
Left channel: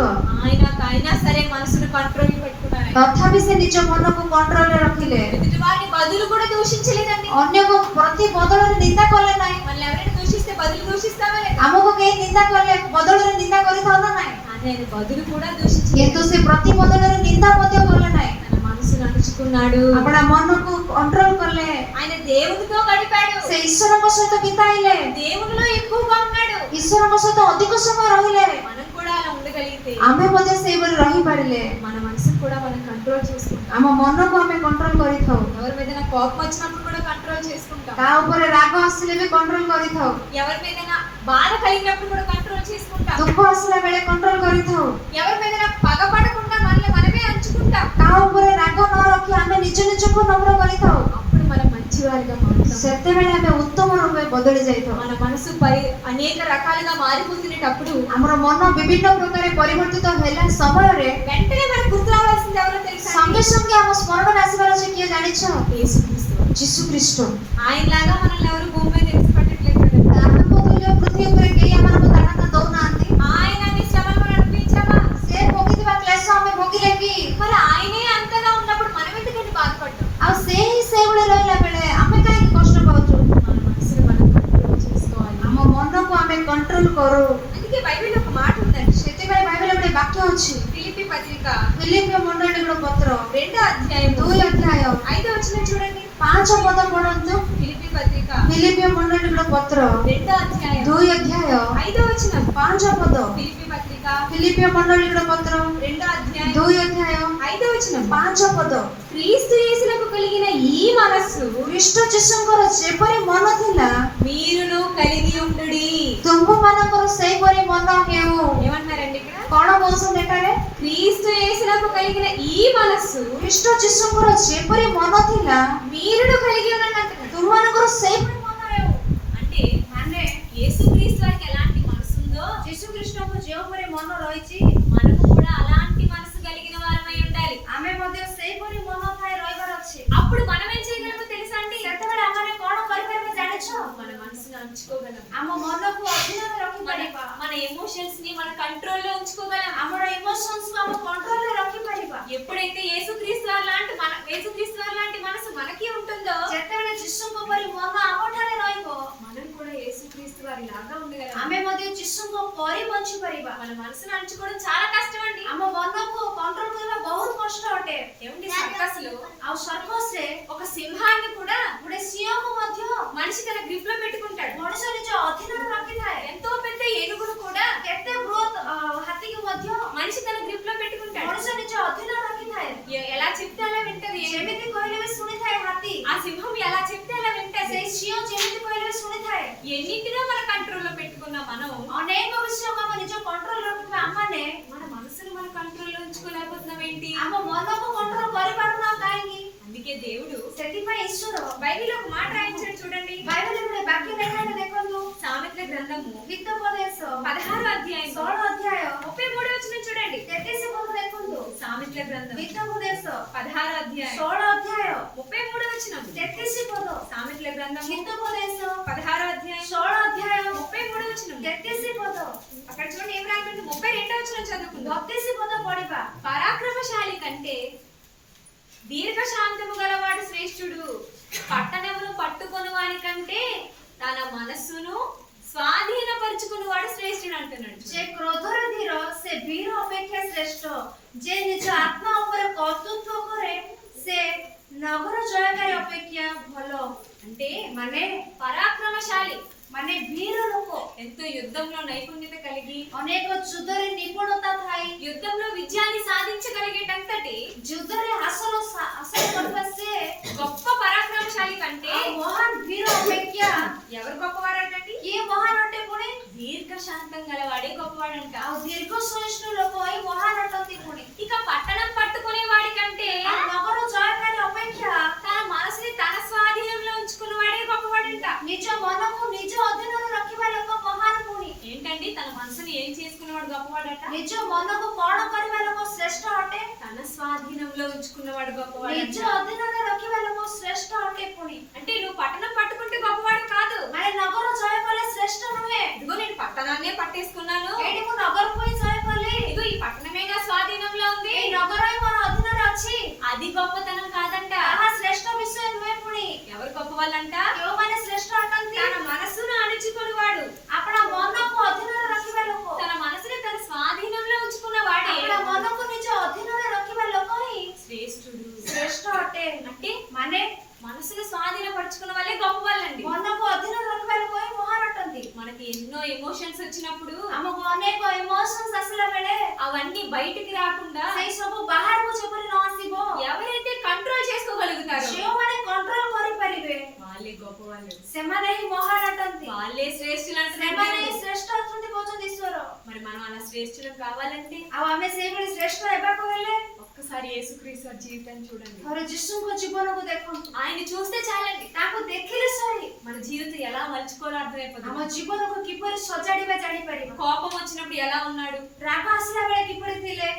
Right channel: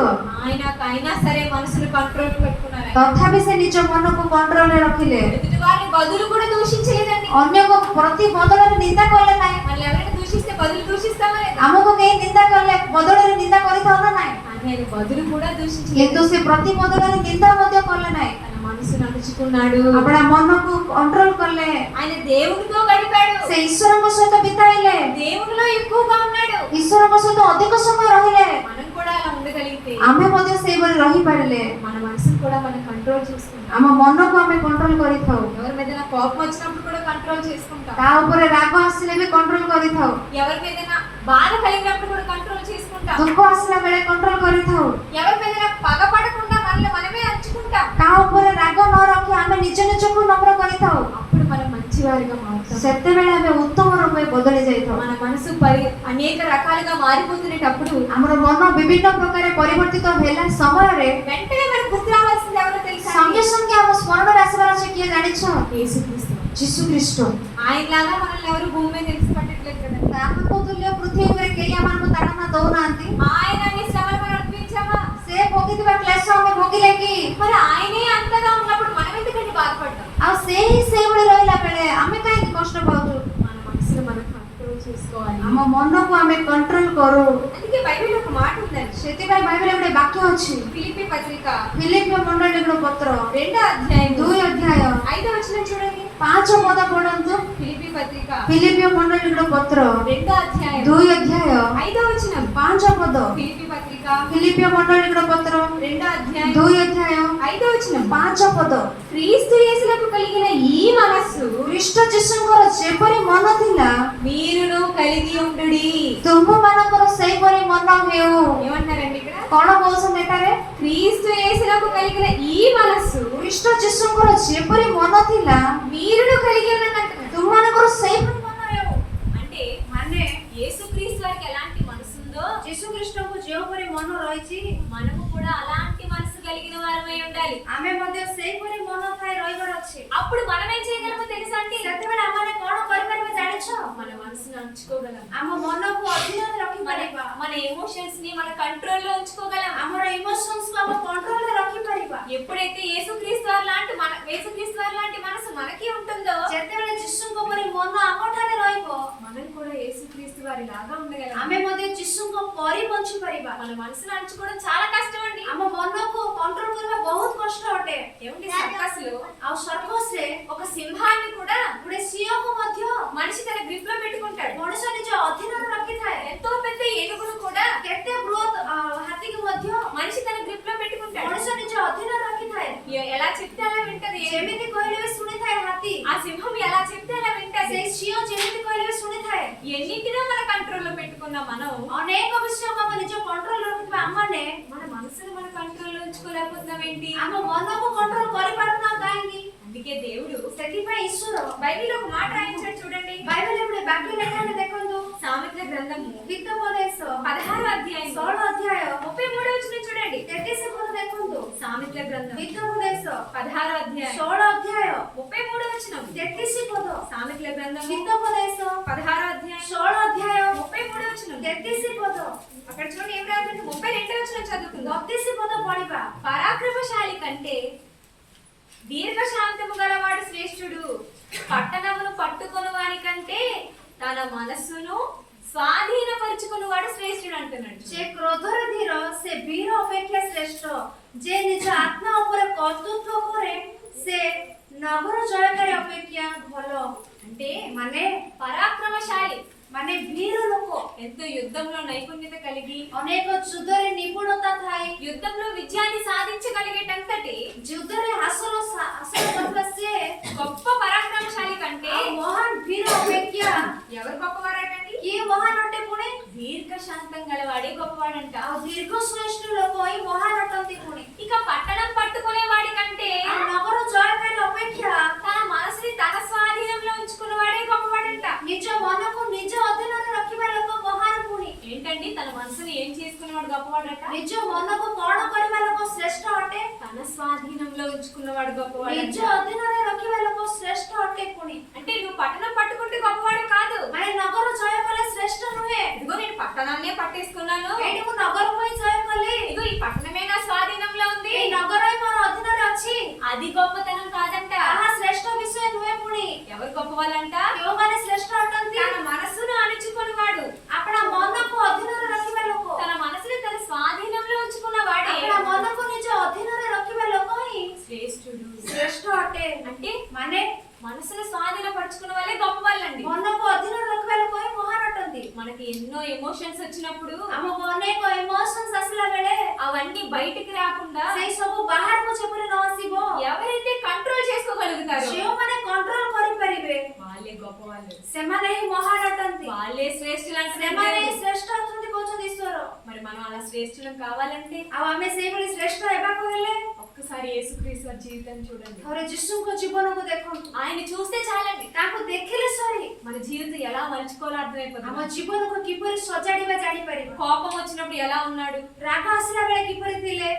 అయినా సరే మనసును కంట్రోల్ పెట్టుకున్నారు. ତଥାପି ସେ ନିଜ ମନକୁ କଣ୍ଟ୍ରୋଲରେ ରଖିଲେ। ఎదుటి వారిని బదులు కూడా దూషించలేదండి. ଅନ୍ୟକୁ ପ୍ରତି ବଦଳରେ ନିନ୍ଦା କଲେ ନାହିଁ। మనల్ని ఎవరైనా దూషిస్తే బదులు దూషిస్తామా లేదా? ଆମକୁ କେହି ନିନ୍ଦା କଲେ ବଦଳରେ ନିନ୍ଦା କରିଥାଉ ନା ନାହିଁ, కానీ ఆయన బదులు కూడా దూషించలేదు. କିନ୍ତୁ ସେ ପ୍ରତି ବଦଳରେ ନିନ୍ଦା ମଧ୍ୟ କଲେ ନାହିଁ। తన మనసును అణుచుకున్నాడు. ଆପଣା ମନକୁ କଣ୍ଟ୍ରୋଲ କଲେ। ఆయన దేవునితో గడిపాడు. ସେ ଈଶ୍ୱରଙ୍କ ସହିତ ବିତାଇଲେ, దేవునిలో ఎక్కువగా ఉన్నాడు. ଈଶ୍ୱରଙ୍କ ସହିତ ଅଧିକ ସମୟ ରହିଲେ। మనం కూడా అలా ఉండగలిగితే ଆମେ ମଧ୍ୟ ସେଇଭଳି ରହିପାରିଲେ మన మనసును కూడా మనం కంట్రోల్ చేసుకుంటాం. ଆମ ମନକୁ ଆମେ କଣ୍ଟ୍ରୋଲ କରିଥାଉ। ఎవరి మీద కోపం వచ్చినప్పుడు కూడా కంట్రోల్ చేసుకుంటాం. କାହା ଉପରେ ରାଗ ଆସିଲେ ବି କଣ୍ଟ୍ରୋଲ କରିଥାଉ। ఎవరి మీద బాధ కలిగినప్పుడు కూడా కంట్రోల్ చేసుకుంటాం. ଦୁଃଖ ଆସିଲା ବେଳେ କଣ୍ଟ୍ରୋଲ କରିଥାଉ। ఎవరి మీద పగపడకుండా మనల్ని మనమే అంచుకుంటాం. କାହା ଉପରେ ରାଗ ନ ରଖି ଆମେ ନିଜ ନିଜକୁ ନମ୍ର କରିଥାଉ। అప్పుడు మనం మంచివారిగా మారుతాం. ସେତେବେଳେ ଆମେ ଉତ୍ତମ ରୂପେ ବଦଳି ଯାଇଥାଉ। మన మనసు అనేక రకాలుగా మారిపోతున్నప్పుడు ଆମର ମନ ବିଭିନ୍ନ ପ୍ରକାର ପରିବର୍ତ୍ତିତ ହେଲା ସମୟରେ వెంటనే మనకు గుర్తు రావాల్సింది ఎవరో తెలుసా? ସଙ୍ଗେ ସଙ୍ଗେ ଆମ ସ୍ମରଣରେ ଆସିବାର ଅଛି କିଏ ଜାଣିଛ? యేసుక్రీస్తు. ଯୀଶୁ ଖ୍ରୀଷ୍ଟ। ఆయనలాగా మనల్ని ఎవరు భూమి మీద ఎత్తి పట్టట్లేదు కదండి. ତାହାଙ୍କ ତୁଲ୍ୟ ପୃଥିବୀ ଉପରେ କେହି ଆମମାନଙ୍କୁ ତାଡ଼ନା ଦଉନାହାନ୍ତି। ఆయన నీ శ్రమలు మనం అనిపించామా? ସେ ଭୋଗିଥିବା କ୍ଲେଶ ଆମେ ଭୋଗିଲେ କି? మరి ఆయనే అంతగా ఉన్నప్పుడు మనం ఎందుకంటే బాధపడ్డాం? ଆଉ ସେ ହିଁ ସେଇଭଳି ରହିଲା ବେଳେ ଆମେ କାହିଁକି କଷ୍ଟ ପାଉଛୁ? మన మనసును మనం కంట్రోల్ చేసుకోవాలి. ଆମ ମନକୁ ଆମେ କଣ୍ଟ୍ରୋଲ କରୁ। అందుకే బైబిల్లో ఒక మాట ఉందండి. ସେଥିପାଇଁ ବାଇବେଲରେ ଗୋଟେ ବାକ୍ୟ ଅଛି। ఫిలిప్పీ పత్రిక ଫିଲିପିୟ ମଣ୍ଡଳୀର ପତ୍ର 2వ అధ్యాయం 2 ଅଧ୍ୟାୟ 5వ వచనం చూడండి. 5 ପଦ ପଢନ୍ତୁ। ఫిలిప్పీ పత్రిక ଫିଲିପିୟ ମଣ୍ଡଳୀର ପତ୍ର 2వ అధ్యాయం 2 ଅଧ୍ୟାୟ 5వ వచనం. 5 ପଦ। ఫిలిప్పీ పత్రిక ଫିଲିପିୟ ମଣ୍ଡଳୀର ପତ୍ର 2వ అధ్యాయం 2 ଅଧ୍ୟାୟ 5వ వచనం. 5 ପଦ। క్రీస్తు యేసులకు కలిగిన ఈ మనస్సు ଖ୍ରୀଷ୍ଟ ଯୀଶୁଙ୍କର ଯେପରି ମନ ଥିଲା మీరును కలిగి ఉండుడి. ତୁମମାନଙ୍କର ସେହିପରି ମନ ହେଉ। ఏమంటారండి ఇక్కడ? କଣ କହୁଛନ୍ତି ଏଠାରେ? క్రీస్తు యేసులకు కలిగిన ఈ మనస్సు ଖ୍ରୀଷ୍ଟ ଯୀଶୁଙ୍କର ଯେପରି ମନ ଥିଲା మీరును కలిగి ఉన్నట్టు. ତୁମମାନଙ୍କର ସେହିପରି ମନ ହେଉ। అంటే ମାନେ యేసుక్రీస్తు వారికి ఎలాంటి మనసు ఉందో ଯୀଶୁ ଖ୍ରୀଷ୍ଟଙ୍କୁ ଯେଉଁପରି ମନ ରହିଛି మనము కూడా అలాంటి మనసు కలిగిన వారమై ఉండాలి. ଆମେ ମଧ୍ୟ ସେହିପରି ମନ ଥାଏ ରହିବାର ଅଛି। అప్పుడు మనం ఏం చేయగలమో తెలుసా అండి? ସେତେବେଳେ ଆମେ କଣ କରିପାରିବା ଜାଣିଛ? మన మనసును అంచుకోగలం. ଆମ ମନକୁ ଅଧୀନରେ ରଖିପାରିବା। మన ఎమోషన్స్ ని మన కంట్రోల్లో ఉంచుకోగలం. ଆମର ଇମୋସନ୍ସ ଆମ କଣ୍ଟ୍ରୋଲରେ ରଖିପାରିବା। ఎప్పుడైతే యేసుక్రీస్తు వారి లాంటి మనసు మనకి ఉంటుందో, ଯେତେବେଳେ ଯୀଶୁଙ୍କ ପରି ମନ ଆମଠାରେ ରହିବ మనం కూడా యేసుక్రీస్తు వారి లాగా ఉండగలం. ଆମେ ମଧ୍ୟ ଯୀଶୁଙ୍କ ପରି ବଞ୍ଚିପାରିବା। మన మనసును అంచుకోవడం చాలా కష్టం అండి. ଆମ ମନକୁ କଣ୍ଟ୍ରୋଲ କରିବା ବହୁତ କଷ୍ଟ ଅଟେ। ఏమండి, సర్కస్ లో ଆଉ ସର୍କସରେ ఒక సింహాన్ని కూడా ଗୋଟେ ସିଂହକୁ ମଧ୍ୟ మనిషి తన గ్రిప్ లో పెట్టుకుంటాడు. ମଣିଷ ନିଜ ଅଧୀନରେ ରଖିଥାଏ। ఎంతో పెద్ద ఏనుగును కూడా କେତେ ବୃହତ ହାତୀକୁ ମଧ୍ୟ మనిషి తన గ్రిప్ లో పెట్టుకుంటాడు. ମଣିଷ ନିଜ ଅଧୀନରେ ରଖିଥାଏ। ఎలా చెప్తే అలా వింటది. ଯେମିତି କହିଲେ ବି ଶୁଣିଥାଏ ହାତୀ। ఆ సింహం ఎలా చెప్తే అలా వింటది. ସେଇ ସିଂହ ଯେମିତି କହିଲେ ବି ଶୁଣିଥାଏ। ఎన్నింటినో మన కంట్రోల్లో పెట్టుకున్న మనం ଅନେକ ବିଷୟକୁ ଆମେ ନିଜ କଣ୍ଟ୍ରୋଲ ରଖିଥିବା ଆମମାନେ మన మనసును మన కంట్రోల్లో ఉంచుకోలేకపోతున్నాం ఏంటి? ଆମ ମନକୁ କଣ୍ଟ୍ରୋଲ କରିପାରୁନାହୁଁ କାହିଁକି? అందుకే దేవుడు ସେଥିପାଇଁ ଈଶ୍ୱର బైబిల్లో ఒక మాట రాయించాడు చూడండి. ବାଇବେଲରେ ଗୋଟେ ବାକ୍ୟ ଲେଖାରେ ଦେଖନ୍ତୁ। సామెతల గ్రంథము ହିତୋପଦେଶ 16వ అధ్యాయం 16 ଅଧ୍ୟାୟ 33వ వచనం చూడండి. 33 ପଦ ଦେଖନ୍ତୁ। సామెతల గ్రంథం ହିତୋପଦେଶ 16వ అధ్యాయం 16 ଅଧ୍ୟାୟ 33వ వచనం. 33 ପଦ। సామెతల గ్రంథం ହିତୋପଦେଶ 16వ అధ్యాయం 16 ଅଧ୍ୟାୟ 33వ వచనం. 33 ପଦ। అక్కడ చూడండి ఏం రాయబడింది? 32వ వచనం వచనం చదువుకుందాం. 32 ପଦ ପଢିବା। పరాక్రమశాలి కంటే దీర్ఘశాంతము గలవాడు శ్రేష్ఠుడు. పట్టణమును పట్టుకొను వాని కంటే తన మనస్సును స్వాధీనపరుచుకున్నవాడు శ్రేష్ఠుడు అంటున్నాడు. ଯେ କ୍ରୋଧରେ ଧୀର ସେ ବୀର ଅପେକ୍ଷା ଶ୍ରେଷ୍ଠ। ଯେ ନିଜ ଆତ୍ମା ଉପରେ କର୍ତ୍ତୃତ୍ୱ କରେ ସେ ନଗର ଜୟକାରୀ ଅପେକ୍ଷା ଭଲ। అంటే ମାନେ పరాక్రమశాలి ମାନେ ବୀର ଲୋକ ఎంతో యుద్ధంలో నైపుణ్యత కలిగి ଅନେକ ଯୁଦ୍ଧରେ ନିପୁଣତା ଥାଇ యుద్ధంలో విజయాన్ని సాధించగలిగేటంతటి ଯୁଦ୍ଧରେ ହାସଲ କରିବା ସେ గొప్ప పరాక్రమశాలి కంటే ଆଉ ମହାନ ବୀର ଅପେକ୍ଷା ఎవరు గొప్పవారటండి? କିଏ ମହାନ ଅଟେ ପୁଣି? దీర్ఘశాంతం గలవాడే గొప్పవాడంట. ଆଉ ଦୀର୍ଘ ସହିଷ୍ଣୁ ଲୋକ ହିଁ ମହାନ ଅଟନ୍ତି ପୁଣି। ఇక పట్టణం పట్టుకునే వాడి కంటే ଆଉ ନଗର ଜୟକାରୀ ଅପେକ୍ଷା తన మనసుని తన స్వాధీనంలో ఉంచుకున్నవాడే గొప్పవాడంట. ନିଜ ମନକୁ ନିଜ ଅଧୀନରେ ରଖିବା ଲୋକ ମହାନ ପୁଣି। ఏంటండి తన మనసుని ఏం చేసుకున్నవాడు గొప్పవాడంట? ନିଜ ମନକୁ କଣ କରିବା ଲୋକ ଶ୍ରେଷ୍ଠ ଅଟେ? తన స్వాధీనంలో ఉంచుకున్నవాడు గొప్పవాడంట. ନିଜ ଅଧୀନରେ ରଖିବା ଲୋକ ଶ୍ରେଷ୍ଠ ଅଟେ ପୁଣି। అంటే నువ్వు పట్టణం పట్టుకుంటే గొప్పవాడు కాదు. ମାନେ ନଗର ଜୟ କଲେ ଶ୍ରେଷ୍ଠ ନୁହେଁ। ఇదిగో నేను పట్టణాన్నే పట్టేసుకున్నాను, ଏଇଠି ମୁଁ నగରକୁ ହିଁ ଜୟ କଲି, ఇదిగో ఈ పట్టణమే నా స్వాధీనంలో ఉంది, ଏଇ ନଗର ହିଁ ମୋର ଅଧୀନରେ ଅଛି, అది గొప్పతనం కాదంట. ତାହା ଶ୍ରେଷ୍ଠ ବିଷୟ ନୁହେଁ ପୁଣି। ఎవరు గొప్పవాళ్ళంట? କେଉଁମାନେ ଶ୍ରେଷ୍ଠ ଅଟନ୍ତି? తన మనసును అణుచుకున్నవాడు, ଆପଣା ମନକୁ ଅଧୀନରେ ରଖିବା ଲୋକ, తన మనసుని తన స్వాధీనంలో ఉంచుకున్నవాడే ଆପଣା ମନକୁ ନିଜ ଅଧୀନରେ ରଖିବା ଲୋକ ହିଁ శ్రేష్ఠుడు. ଶ୍ରେଷ୍ଠ ଅଟେ। అంటే ମାନେ మనసును స్వాధీనపరుచుకున్న వాళ్ళే గొప్ప వాళ్ళండి. ମନକୁ ଅଧୀନରେ ରଖିବା ଲୋକ ହିଁ ମହାନ ଅଟନ୍ତି। మనకి ఎన్నో ఎమోషన్స్ వచ్చినప్పుడు ଆମକୁ ଅନେକ ଇମୋସନ୍ସ ଆସିଲା ବେଳେ అవన్నీ బయటికి రాకుండా ସେଇ ସବୁ ବାହାରକୁ ଯେପରି ନ ଆସିବ ఎవరైతే కంట్రోల్ చేసుకోగలుగుతారో ଯେଉଁମାନେ କଣ୍ଟ୍ରୋଲ କରିପାରିବେ వాళ్ళే గొప్ప వాళ్ళు, ସେମାନେ ହିଁ ମହାନ ଅଟନ୍ତି, వాళ్ళే శ్రేష్ఠులు ସେମାନେ ହିଁ అంటున్నారు. ଶ୍ରେଷ୍ଠ ଅଛନ୍ତି କହୁଛନ୍ତି ଈଶ୍ୱର। మరి మనం అలా శ్రేష్ఠులం కావాలంటే ଆଉ ଆମେ ସେଇଭଳି ଶ୍ରେଷ୍ଠ ହେବାକୁ ହେଲେ ఒక్కసారి యేసుక్రీస్తు వారి జీవితాన్ని చూడండి. ଥରେ ଯୀଶୁଙ୍କ ଜୀବନକୁ ଦେଖନ୍ତୁ, ఆయన చూస్తే చాలండి, ତାଙ୍କୁ ଦେଖିଲେ ସରି మన జీవితం ఎలా మలుచుకోవాలో అర్థమైపోతుంది. ଆମ ଜୀବନକୁ କିପରି ସଜାଡ଼ିବା ଜାଣିପାରିବା। కోపం వచ్చినప్పుడు ఎలా ఉన్నాడు, ରାଗ ଆସିଲା ବେଳେ କିପରି ଥିଲେ,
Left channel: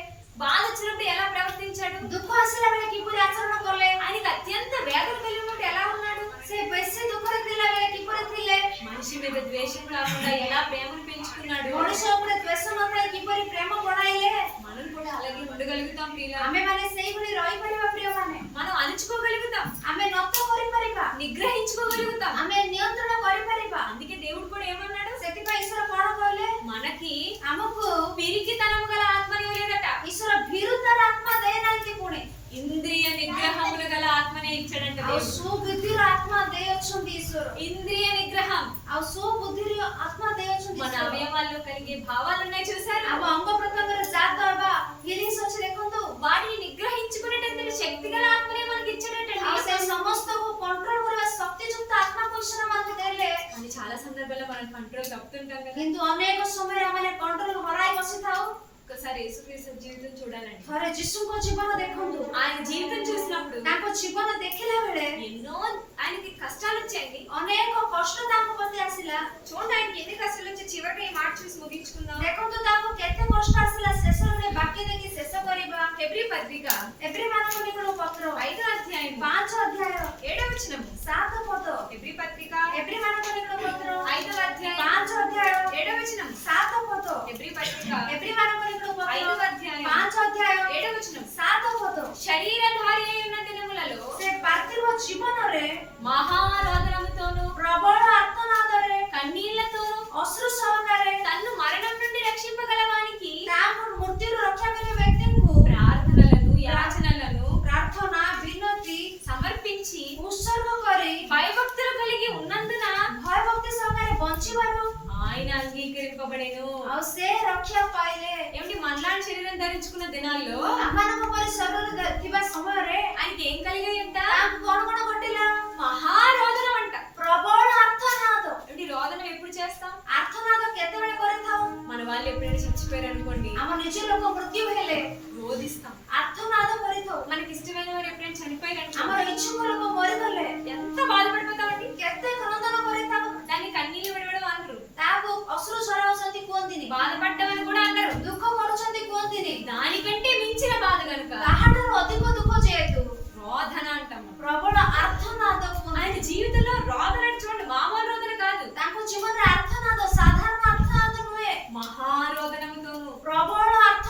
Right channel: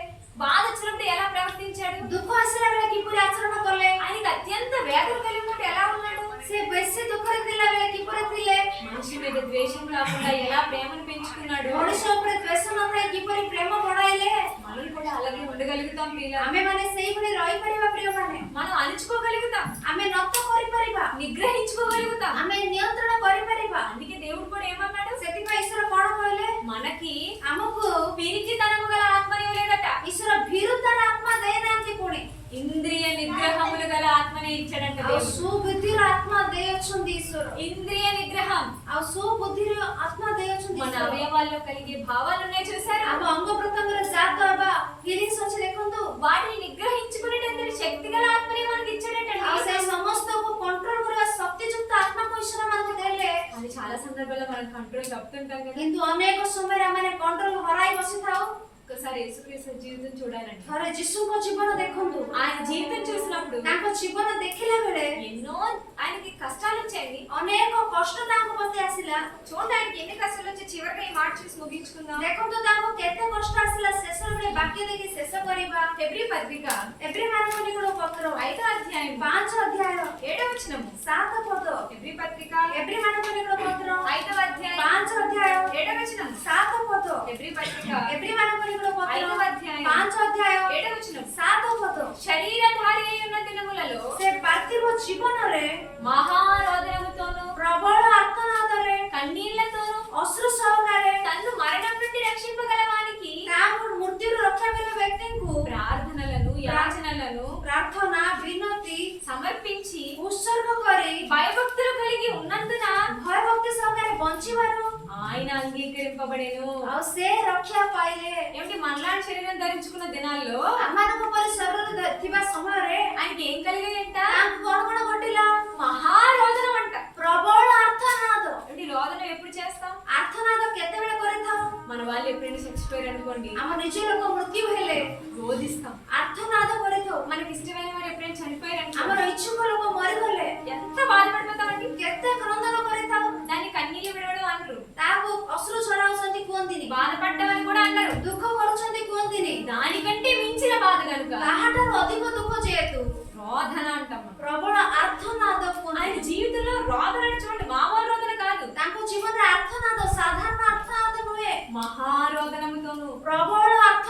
బాధ వచ్చినప్పుడు ఎలా ప్రవర్తించాడు, ଦୁଃଖ ଆସିଲା ବେଳେ କିପରି ଆଚରଣ କଲେ, ఆయనకి అత్యంత వేదన కలిగినప్పుడు ఎలా ఉన్నాడు, ସେ ବେଶୀ ଦୁଃଖରେ ଥିଲା ବେଳେ କିପରି ଥିଲେ, మనిషి మీద ద్వేషం రాకుండా ఎలా ప్రేమను పెంచుకున్నాడు. ମଣିଷ ଉପରେ ଦ୍ୱେଷ ନଥାଏ କିପରି ప్రేమ ବଢାଇଲେ। మనం కూడా అలాగే ఉండగలుగుతాం ప్రియుల. ଆମେମାନେ ସେଇଭଳି ରହିପାରିବା ପ୍ରିୟମାନେ। మనం అణుచుకోగలుగుతాం, ଆମେ ନତ କରିପାରିବା, నిగ్రహించుకోగలుగుతాం. ଆମେ ନିୟନ୍ତ୍ରଣ କରିପାରିବା। అందుకే దేవుడు కూడా ఏమన్నాడు, ସେଥିପାଇଁ ଈଶ୍ୱର କଣ କହିଲେ, మనకి ଆମକୁ పిరికితనము గల ఆత్మ ఇవ్వలేదట, ଈଶ୍ୱର ଭୀରୁତାର ଆତ୍ମା ଦେଇନାହାନ୍ତି ପୁଣି, ఇంద్రియ నిగ్రహములు గల ఆత్మనే ఇచ్చాడంట ଆଉ దేవుడు. ସୁବୁଦ୍ଧିର ଆତ୍ମା ଦେଇଅଛନ୍ତି ଈଶ୍ୱର, ఇంద్రియ నిగ్రహం ଆଉ ସୁବୁଦ୍ଧିର ଆତ୍ମା ଦେଇଅଛନ୍ତି మన ଈଶ୍ୱର। అవయవాల్లో కలిగే భావాలు ఉన్నాయి చూసారు, ଆମ ଅଙ୍ଗ ପ୍ରତ୍ୟଙ୍ଗରେ ଜାତ ହେବା ଫିଲିଂସ୍ ଅଛି ଦେଖନ୍ତୁ, వాటిని నిగ్రహించుకునేటంతటి శక్తి గల ఆత్మనే మనకి ଆଉ ఇచ్చాడటండి. ସେ ସମସ୍ତକୁ କଣ୍ଟ୍ରୋଲ କରିବା ଶକ୍ତିଯୁକ୍ତ ଆତ୍ମାକୁ ଈଶ୍ୱର ଆମକୁ ଦେଲେ। అని చాలా సందర్భాల్లో మనం కంట్రోల్ తప్పుతుంటాం కదా. କିନ୍ତୁ ଅନେକ ସମୟରେ ଆମେ କଣ୍ଟ୍ରୋଲ ହରାଇ ବସିଥାଉ। ఒక్కసారి యేసుక్రీస్తు జీవితం చూడాలండి. ଥରେ ଯୀଶୁଙ୍କ ଜୀବନ ଦେଖନ୍ତୁ, ఆయన జీవితం చూసినప్పుడు ତାଙ୍କ ଜୀବନ ଦେଖିଲା ବେଳେ ఎన్నో ఆయనకి కష్టాలు వచ్చాయండి. ଅନେକ କଷ୍ଟ ତାଙ୍କ ପ୍ରତି ଆସିଲା। చూడండి ఆయనకి ఎన్ని కష్టాలు వచ్చి చివరిగా ఈ మాట చూసి ముగించుకుందాం. ଦେଖନ୍ତୁ ତାଙ୍କୁ କେତେ କଷ୍ଟ ଆସିଲା। ଶେଷରେ ଗୋଟେ ବାକ୍ୟ ଦେଖି ଶେଷ କରିବା। హెబ్రీ పత్రిక ଏବ୍ରୀମାନଙ୍କ ନିକଟକୁ ପତ୍ର 5వ అధ్యాయం 5 ଅଧ୍ୟାୟ 7వ వచనం. 7 ପଦ। హెబ్రీ పత్రిక ଏବ୍ରୀମାନଙ୍କ ନିକଟକୁ ପତ୍ର 5వ అధ్యాయం 5 ଅଧ୍ୟାୟ 7వ వచనం. 7 ପଦ। హెబ్రీ పత్రిక ଏବ୍ରୀମାନଙ୍କ ନିକଟକୁ ପତ୍ର 5వ అధ్యాయం 5 ଅଧ୍ୟାୟ 7వ వచనం. 7 ପଦ। శరీరధారి అయి ఉన్న దినములలో ସେ ପାର୍ଥିବ ଜୀବନରେ మహారోదనముతోను ପ୍ରବଳ ଆର୍ତ୍ତନାଦରେ కన్నీళ్లతోను ଅଶ୍ରୁ ସହକାରେ తన్ను మరణం నుండి రక్షింపగలవానికి ତାଙ୍କୁ ମୃତ୍ୟୁରୁ ରକ୍ଷା କରିବା ବ୍ୟକ୍ତିଙ୍କୁ ప్రార్థనలను యాచనలను ପ୍ରାର୍ଥନା ବିନତି సమర్పించి ଉତ୍ସର୍ଗ କରି భయభక్తులు కలిగి ఉన్నందున ଭୟଭକ୍ତି ସହକାରେ ବଞ୍ଚିବାରୁ ఆయన అంగీకరింపబడెను. ଆଉ ସେ ରକ୍ଷା ପାଇଲେ। ఏమిటి మనలాంటి శరీరం ధరించుకున్న దినాల్లో ଆମମାନଙ୍କ ପରି ଶରୀର ଥିବା ସମୟରେ ఆయనకి ఏం కలిగాయంట? ତାଙ୍କୁ କଣ କଣ ଘଟିଲା? మహారోదనం అంట. ପ୍ରବଳ ଆର୍ତ୍ତନାଦ। ఏమిటి రోదనం ఎప్పుడు చేస్తాం? ଆର୍ତ୍ତନାଦ କେତେବେଳେ କରିଥାଉ? మన వాళ్ళు ఎప్పుడైనా చచ్చిపోయారు అనుకోండి, ଆମ ନିଜ ଲୋକ ମୃତ୍ୟୁ ହେଲେ రోదిస్తాం. ଆର୍ତ୍ତନାଦ କରିଥାଉ। మనకి ఇష్టమైన వారు ఎప్పుడైనా చనిపోయారు ଆମର అనుకోండి, ଇଚ୍ଛୁକ ଲୋକ ମରିଗଲେ ఎంత బాధపడిపోతామండి. କେତେ କ୍ରନ୍ଦନ କରିଥାଉ। దాన్ని కన్నీళ్లు విడవడం అనరు, ତାହାକୁ ଅଶ୍ରୁ ଝରାଉଛନ୍ତି କୁହନ୍ତିନି, బాధపడ్డమని కూడా అన్నారు. ଦୁଃଖ କରୁଛନ୍ତି କୁହନ୍ତିନି। దానికంటే మించిన బాధ కనుక ତାହାଠାରୁ ଅଧିକ ଦୁଃଖ ଯେହେତୁ రోదన అంటాం. ପ୍ରବଳ ଆର୍ତ୍ତନାଦ କୁହନ୍ତି। ఆయన జీవితంలో రోదన అంటే చూడండి, మామూలు రోదన కాదు, ତାଙ୍କ ଜୀବନରେ ଆର୍ତ୍ତନାଦ ସାଧାରଣ ଆର୍ତ୍ତନାଦ ନୁହେଁ, మహారోదనముతోను ପ୍ରବଳ ଆର୍ତ୍ତନାଦ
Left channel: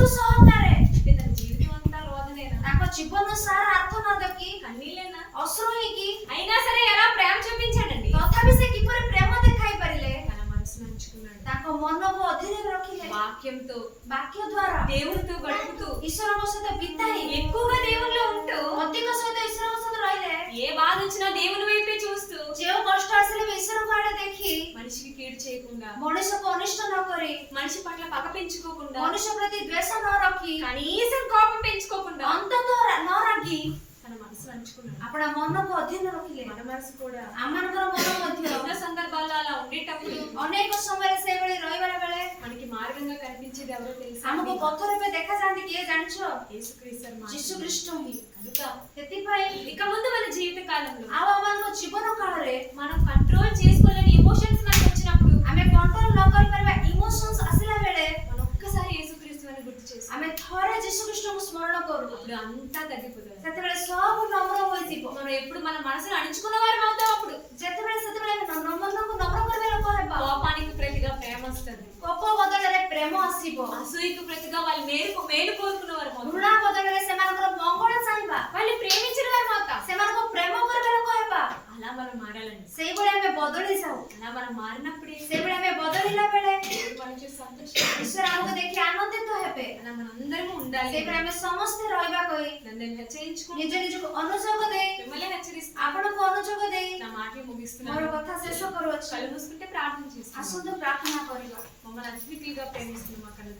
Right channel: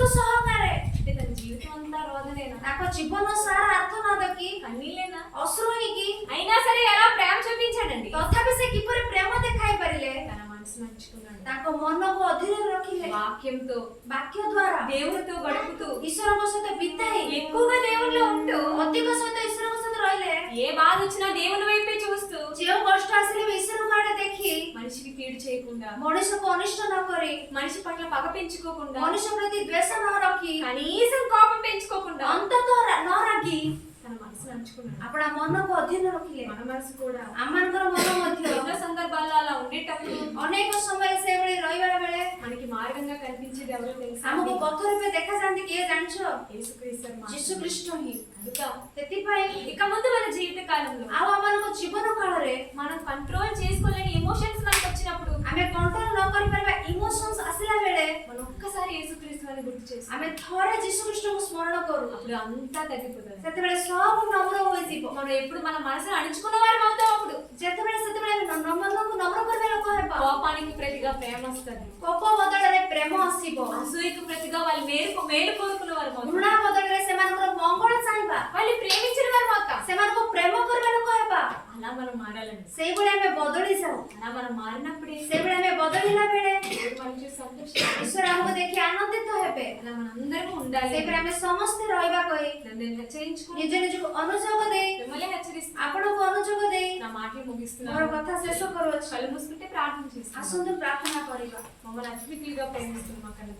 ଅଶ୍ରୁ ସହକାରେ అంటే తన జీవితం అంతా రోదనేనా, ତାଙ୍କ ଜୀବନ ସାରା ଆର୍ତ୍ତନାଦ କି కన్నీళ్ళేనా? ଅଶ୍ରୁ ହେଇକି అయినా సరే ఎలా ప్రేమ చూపించాడండి. ତଥାପି ସେ କିପରି ప్రేమ ଦେଖାଇ ପାରିଲେ? తన మనసును అంచుకున్నాడు. ତାଙ୍କ ମନକୁ ଅଧୀନରେ ରଖିଲେ వాక్యంతో ବାକ୍ୟ ଦ୍ୱାରା దేవుడితో గడుపుతూ ଈଶ୍ୱରଙ୍କ ସହିତ ବିତାଇ ఎక్కువగా దేవుళ్ళో ఉంటూ ଅଧିକ ସହିତ ଈଶ୍ୱରଙ୍କ ସହିତ ରହିଲେ ఏ బాధ వచ్చినా దేవుని వైపే చూస్తూ ଯେଉଁ କଷ୍ଟ ଆସିଲେ ବି ଈଶ୍ୱରଙ୍କ ଆଡ଼େ ଦେଖି మనిషికి కీడు చేయకుండా, ମଣିଷକୁ ଅନିଷ୍ଟ ନ କରି మనిషి పట్ల పగ పెంచుకోకుండా, ମଣିଷ ପ୍ରତି ଦ୍వేଷ ନ ରଖି కనీసం కోపం పెంచుకోకుండా ଅନ୍ତତଃ ନ ରାଗି తన మనసును అంచుకున్నాడు. ଆପଣ ମନକୁ ଅଧୀନ ରଖିଲେ। మన మనసు కూడా ଆମମାନଙ୍କର ମନ ମଧ୍ୟ ఎన్నో సందర్భాల్లో అలా ఉండేటప్పుడు ଅନେକ ସମୟରେ ସେଇଭଳି ରହିବା ବେଳେ మనకి మార్గంగా కనిపించేది ఎవరో తెలుసా? ଆମକୁ ପଥ ରୂପେ ଦେଖାଯାଆନ୍ତି କିଏ ଜାଣିଛ? యేసుక్రీస్తు మాత్రమే. ଯୀଶୁ ଖ୍ରୀଷ୍ଟ ହିଁ। కనుక ସେଥିପାଇଁ ఇక ముందు మన జీవిత కాలంలో ଆଉ ଆମମାନଙ୍କ ଜୀବନ କାଳରେ మనం కంట్రోల్ చేసుకోలేని ఎమోషన్స్ మనకు వచ్చినప్పుడు ଆମେ କଣ୍ଟ୍ରୋଲ ନ କରିପାରିବା ଇମୋସନ୍ସ ଆସିଲା ବେଳେ మనం ఒక్కసారి యేసుక్రీస్తు అని గుర్తు చేసుకో, ଆମେ ଥରେ ଯୀଶୁ ଖ୍ରୀଷ୍ଟଙ୍କୁ ସ୍ମରଣ କରୁ, అప్పుడు అంతా తగ్గిపోతుంది. ସେତେବେଳେ ସବୁ ନମ୍ର ହୋଇଯିବ। మనం ఎప్పుడు మన మనసును అణుచుకున్న వారు అవుతాం. అప్పుడు ସେତେବେଳେ ଆମେ ମନକୁ ନମ୍ର କରିବା ଲୋକ ହେବା। కోపానికి ప్రతిగా ప్రేమ వస్తుంది, କୋପ ବଦଳରେ ପ୍ରେମ ଆସିବ, అసూయకు ప్రతిగా వాళ్ళు మేలు కోరుకున్న వారు అవుతాం, ଘୃଣା ବଦଳରେ ସେମାନଙ୍କର ମଙ୍ଗଳ ଚାହିଁବା, వాళ్ళు ప్రేమించిన వారు అవుతాం. ସେମାନଙ୍କୁ ପ୍ରେମ କରିବା ଲୋକ ହେବା। అలా మనం మారాలండి. ସେଇଭଳି ଆମେ ବଦଳି ଯାଉ। అలా మనం మారినప్పుడే ସେଇଭଳି ଆମେ ବଦଳିଲା ବେଳେ దేవుడు మనం చూసి సంతోషిస్తాడు. ଈଶ୍ୱର ଆମକୁ ଦେଖି ଆନନ୍ଦିତ ହେବେ। అలా మనందరము ఉండాలి. ସେଇଭଳି ଆମେ ସମସ୍ତେ ରହିବା କହି నన్ను హెచ్చరించుకుంటూ ନିଜ ନିଜକୁ ଅନୁଯୋଗ ଦେଇ మిమ్మల్ని హెచ్చరిస్తూ ଆପଣଙ୍କୁ ଅନୁଯୋଗ ଦେଇ నా మాటలు ମୋର ముగిస్తున్నాను. କଥା ଶେଷ କରୁଅଛି। కళ్ళు మూసుకుంటే ప్రార్థన చేస్తాను. ଆସନ୍ତୁ ପ୍ରାର୍ଥନା କରିବା। మమ్మల్ని అతిథిగా ప్రేమిస్తున్న మా కన్న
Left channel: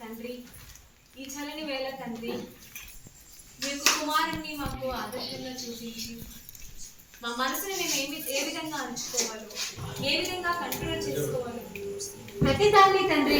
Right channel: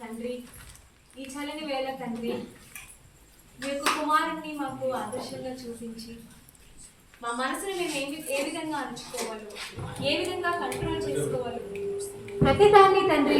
తండ్రి, ఈ చల్లని వేళ తండ్రి, మీ యొక్క కుమారుణ్ణి మాకు ఆదర్శంగా చూపించి మా మనసుని మేము ఏ విధంగా అంచుకోవాలో, ఏ విధంగా కంట్రోల్ చేసుకోవాలో ప్రతి దాన్ని తండ్రి